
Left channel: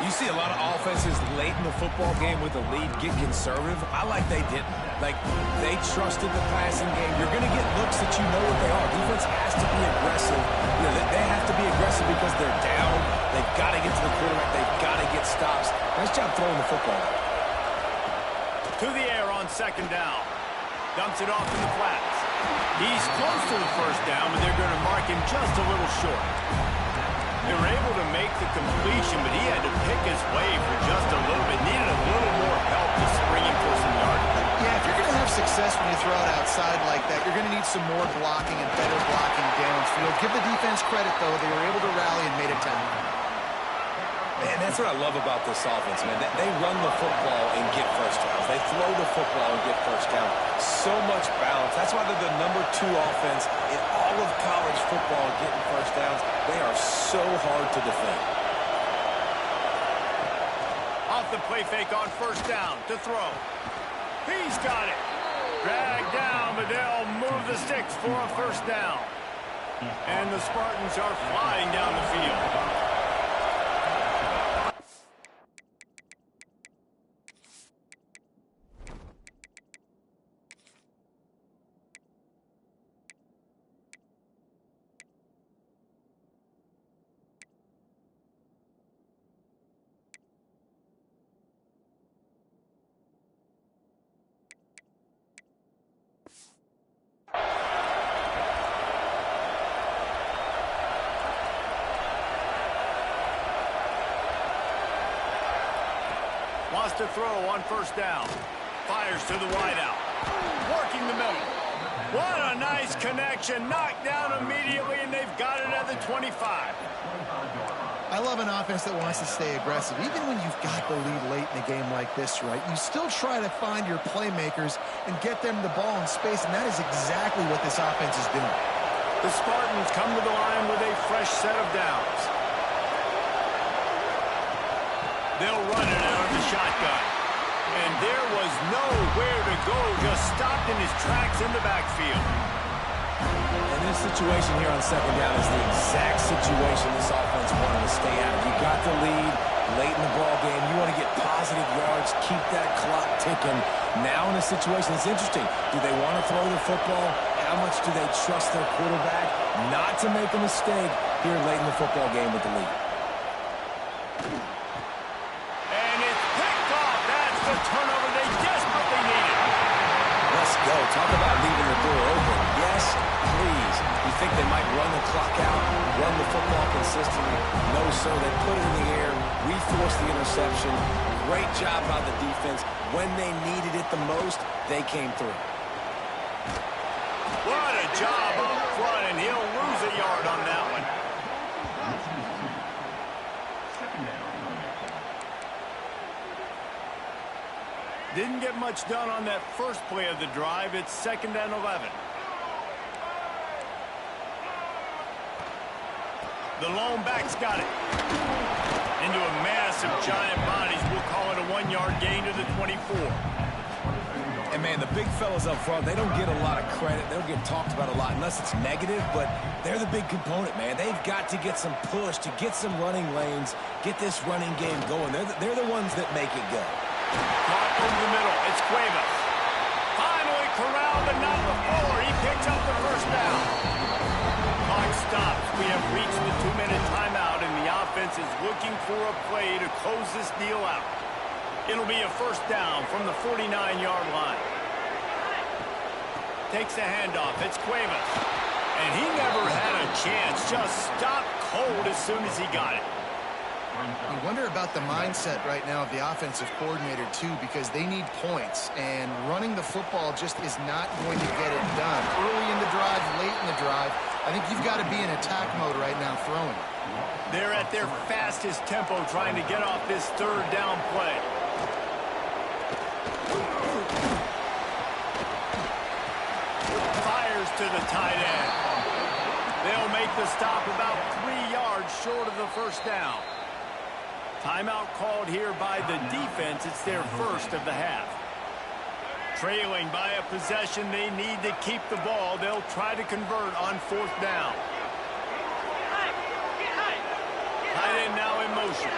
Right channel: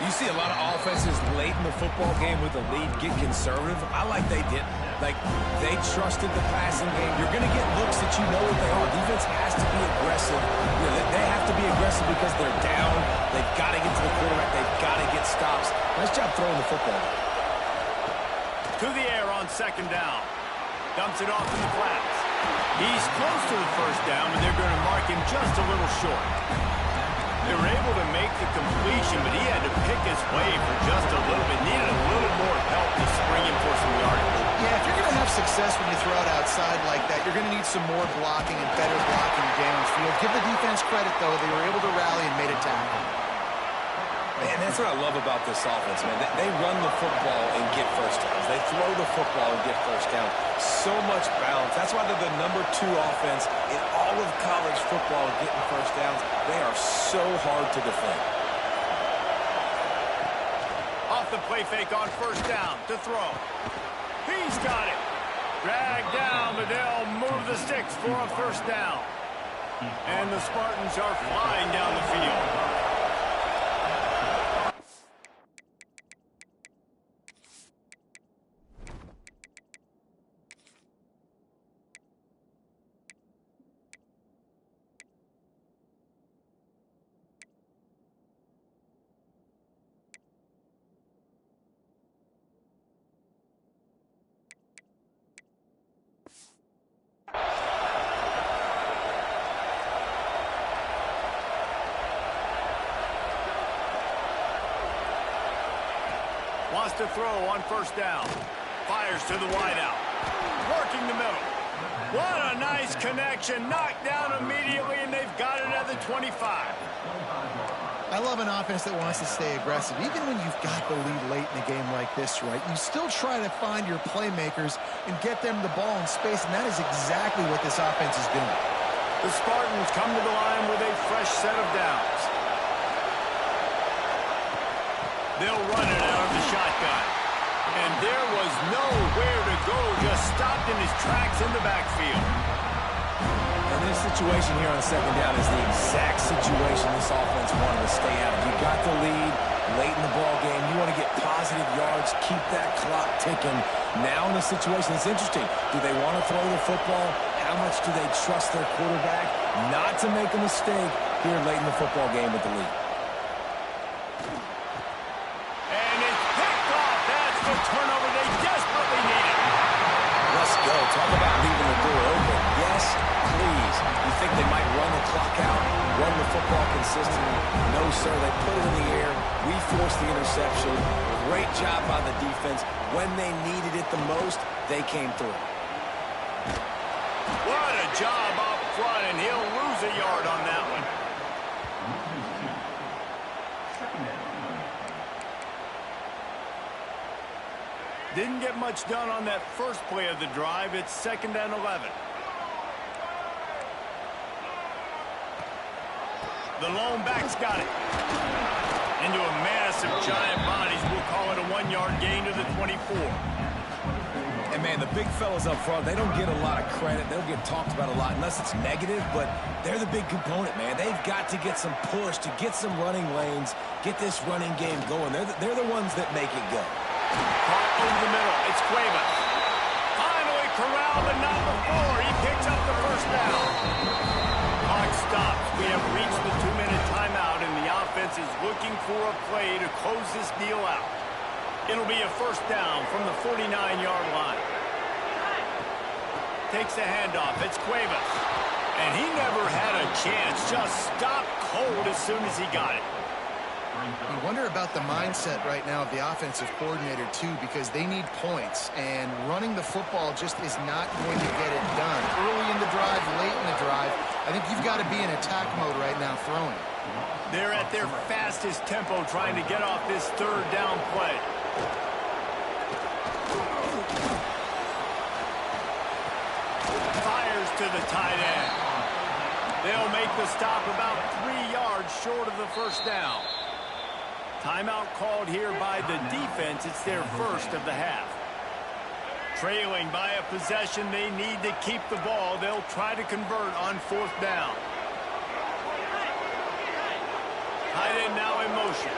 You see a lot of offenses late in the football game with the lead get conservative. I like they didn't. Like, they trusted the passing game. You're going to get looks that you know what they are. Defense has to be aggressive. You know, they have to be aggressive because they're down. They've got to get to the quarterback. They've got to get stops. Nice job throwing the football. To the air on second down. Dumps it off in the flats. He's close to the first down, but they're going to mark him just a little short. They were able to make the completion, but he had to pick his way for just a little bit. Needed a little more help to spring him for some yardage. Yeah, if you're going to have success when you throw it outside like that, you're going to need some more blocking and better blocking downfield. Give the defense credit, though. They were able to rally and made a tackle. Man, that's what I love about this offense, man. They run the football and get first downs. They throw the football and get first down. So much balance. That's why they're the #2 offense in all of college football getting first downs. They are so hard to defend. Off the play fake on first down to throw. He's got it. Dragged down, but they'll move the sticks for a first down. And the Spartans are flying down the field. Wants to throw on first down. Fires to the wideout. Working the middle. What a nice connection. Knocked down immediately, and they've got it at the 25. I love an offense that wants to stay aggressive. Even when you've got the lead late in a game like this, right, you still try to find your playmakers and get them the ball in space, and that is exactly what this offense is doing. The Spartans come to the line with a fresh set of downs. They'll run it out of the shotgun. And there was nowhere to go, just stopped in his tracks in the backfield. And this situation here on second down is the exact situation this offense wanted to stay out of. You got the lead late in the ball game. You want to get positive yards, keep that clock ticking. Now in a situation, it's interesting. Do they want to throw the football? How much do they trust their quarterback not to make a mistake here late in the football game with the lead? The turnover they desperately needed. Let's go. Talk about leaving the door open. Yes, please. You think they might run the clock out, run the football consistently? No, sir. They put it in the air. We forced the interception. Great job by the defense. When they needed it the most, they came through. What a job up front, and he'll lose a yard on that one. Didn't get much done on that first play of the drive. It's 2nd and 11. The lone back's got it. Into a mass of giant bodies. We'll call it a 1-yard gain to the 24. And, man, the big fellas up front, they don't get a lot of credit. They don't get talked about a lot unless it's negative, but they're the big component, man. They've got to get some push, to get some running lanes, get this running game going. They're the ones that make it go. Caught over the middle. It's Cuevas. Finally corralled, but not before. He picks up the first down. Clock stops. We have reached the 2-minute timeout, and the offense is looking for a play to close this deal out. It'll be a first down from the 49-yard line. Takes the handoff. It's Cuevas. And he never had a chance. Just stopped cold as soon as he got it. You wonder about the mindset right now of the offensive coordinator, too, because they need points, and running the football just is not going to get it done. Early in the drive, late in the drive, I think you've got to be in attack mode right now throwing it. They're at their fastest tempo trying to get off this 3rd down play. Fires to the tight end. They'll make the stop about 3 yards short of the first down. Timeout called here by the defense. It's their first of the half. Trailing by a possession, they need to keep the ball. They'll try to convert on 4th down. Tight end now in motion.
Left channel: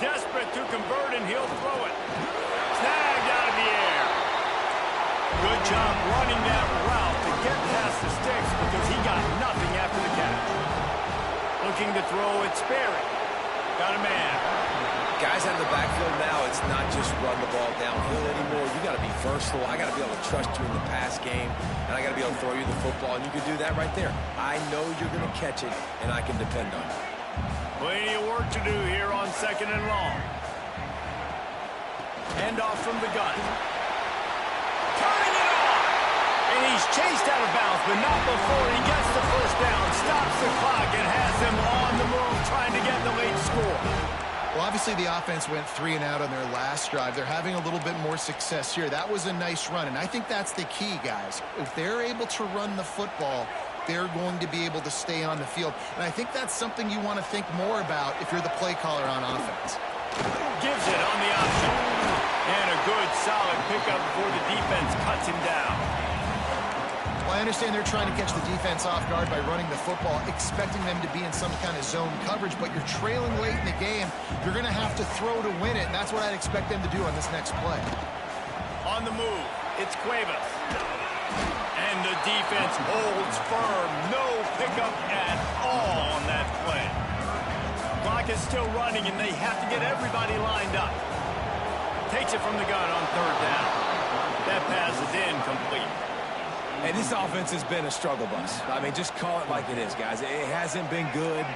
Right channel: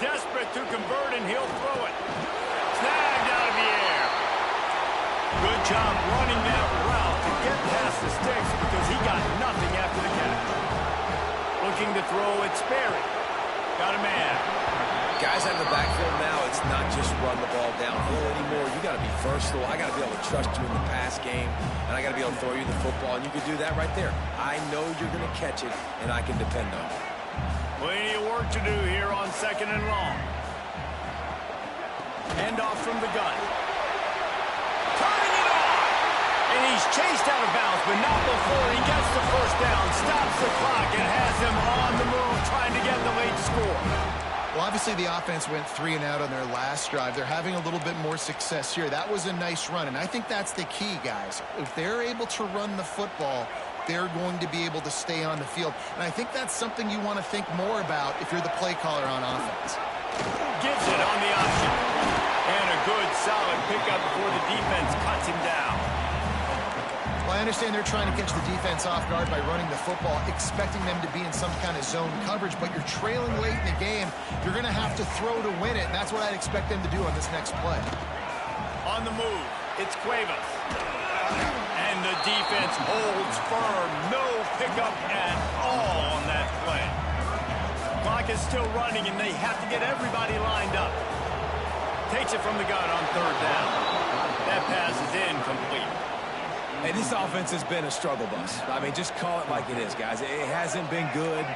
Desperate to convert, and he'll throw it. Snagged out of the air. Good job running that route to get past the sticks because he got nothing after the catch. Looking to throw, it's Sperry. Got a man. Guys out of the backfield now, it's not just run the ball downhill anymore. You got to be versatile. I got to be able to trust you in the pass game, and I got to be able to throw you the football, and you can do that right there. I know you're going to catch it, and I can depend on it. Plenty of work to do here on 2nd and long. Handoff from the gun. Turning it on! And he's chased out of bounds, but not before he gets the first down, stops the clock, and has him on the move trying to get the late score. Well, obviously the offense went 3 and out on their last drive. They're having a little bit more success here. That was a nice run, and I think that's the key, guys. If they're able to run the football, they're going to be able to stay on the field. And I think that's something you want to think more about if you're the play caller on offense. Gives it on the option. And a good, solid pickup before the defense cuts him down. Well, I understand they're trying to catch the defense off guard by running the football, expecting them to be in some kind of zone coverage, but you're trailing late in the game. You're going to have to throw to win it, and that's what I'd expect them to do on this next play. On the move, it's Cuevas. And the defense holds firm. No pickup at all on that play. Clock is still running, and they have to get everybody lined up. Takes it from the gun on 3rd down. That pass is incomplete. Hey, this offense has been a struggle bus. I mean, just call it like it is, guys. It hasn't been good,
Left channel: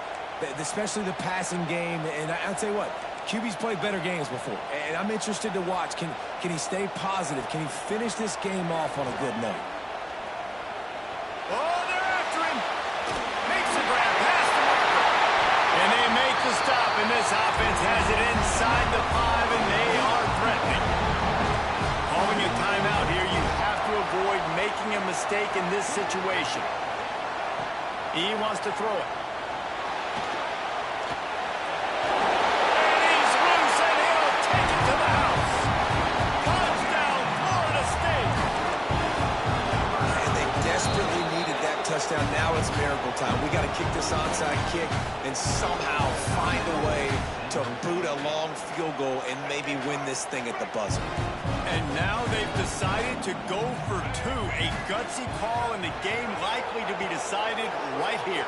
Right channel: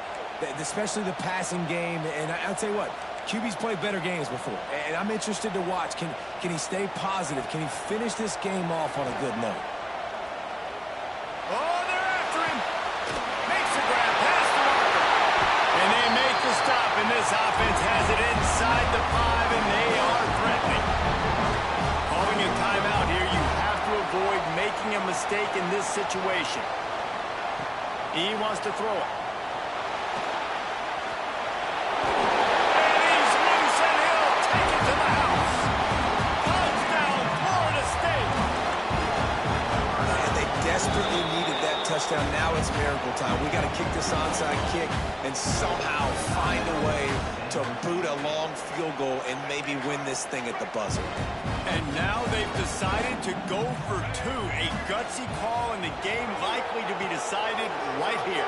especially the passing game. And I'll tell you what, QB's played better games before. And I'm interested to watch. Can he stay positive? Can he finish this game off on a good note? Oh, they're after him. Makes a grab past the marker. And they make the stop, and this offense has it inside the 5, and they are threatening. Calling a timeout here, you have to avoid making a mistake in this situation. He wants to throw it. And he's loose, and he'll take it to the house. Touchdown, Florida State. And they desperately needed that touchdown. Now it's miracle time. We got to kick this onside kick and somehow find a way to boot a long field goal and maybe win this thing at the buzzer. And now they've decided to go for 2. A gutsy call, and the game likely to be decided right here.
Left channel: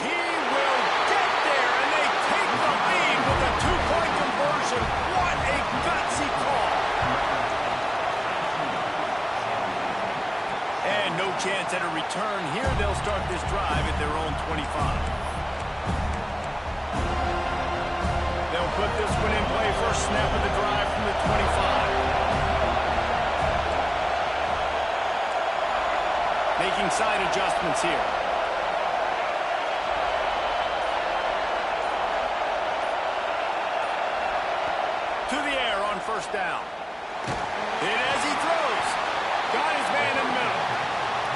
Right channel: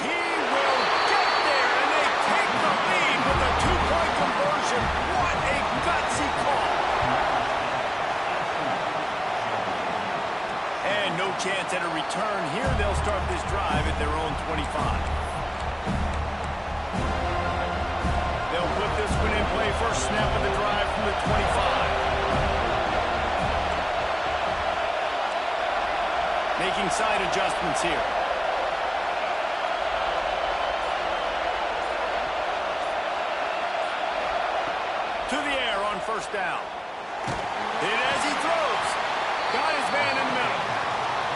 He will get there, and they take the lead with a 2-point conversion. What a gutsy call. And no chance at a return here. They'll start this drive at their own 25. They'll put this one in play. First snap of the drive from the 25. Making side adjustments here. To the air on first down. Hit as he throws. Got his man in the middle.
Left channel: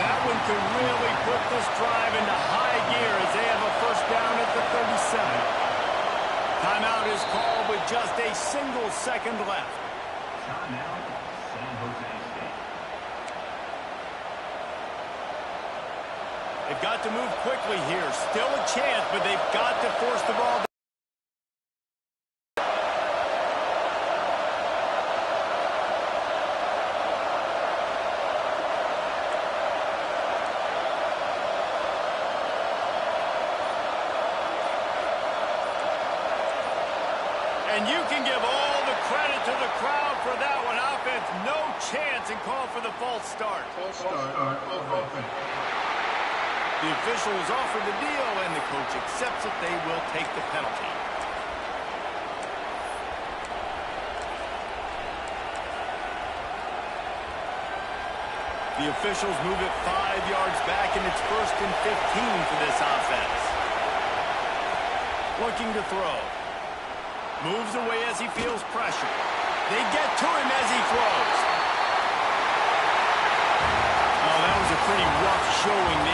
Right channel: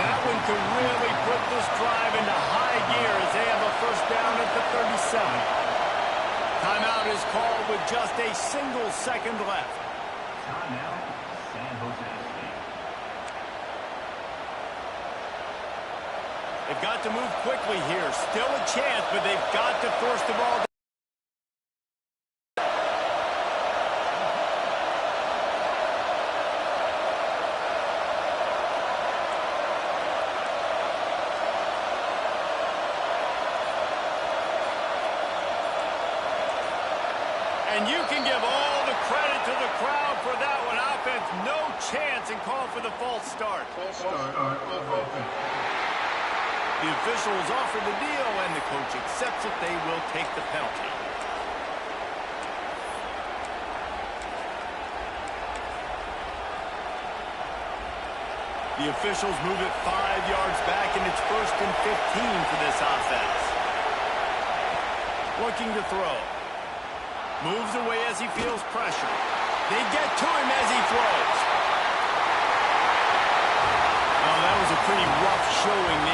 That one could really put this drive into high gear as they have a first down at the 37. Timeout is called with just a single second left. Timeout, San Jose State. They've got to move quickly here. Still a chance, but they've got to force the ball down. And you can give all the credit to the crowd for that one. Offense, no chance, and call for the false start. False start of offense. The officials offer the deal, and the coach accepts it. They will take the penalty. The officials move it 5 yards back, and it's 1st and 15 for this offense. Looking to throw. Moves away as he feels pressure. They get to him as he throws. Oh, that was a pretty rough showing.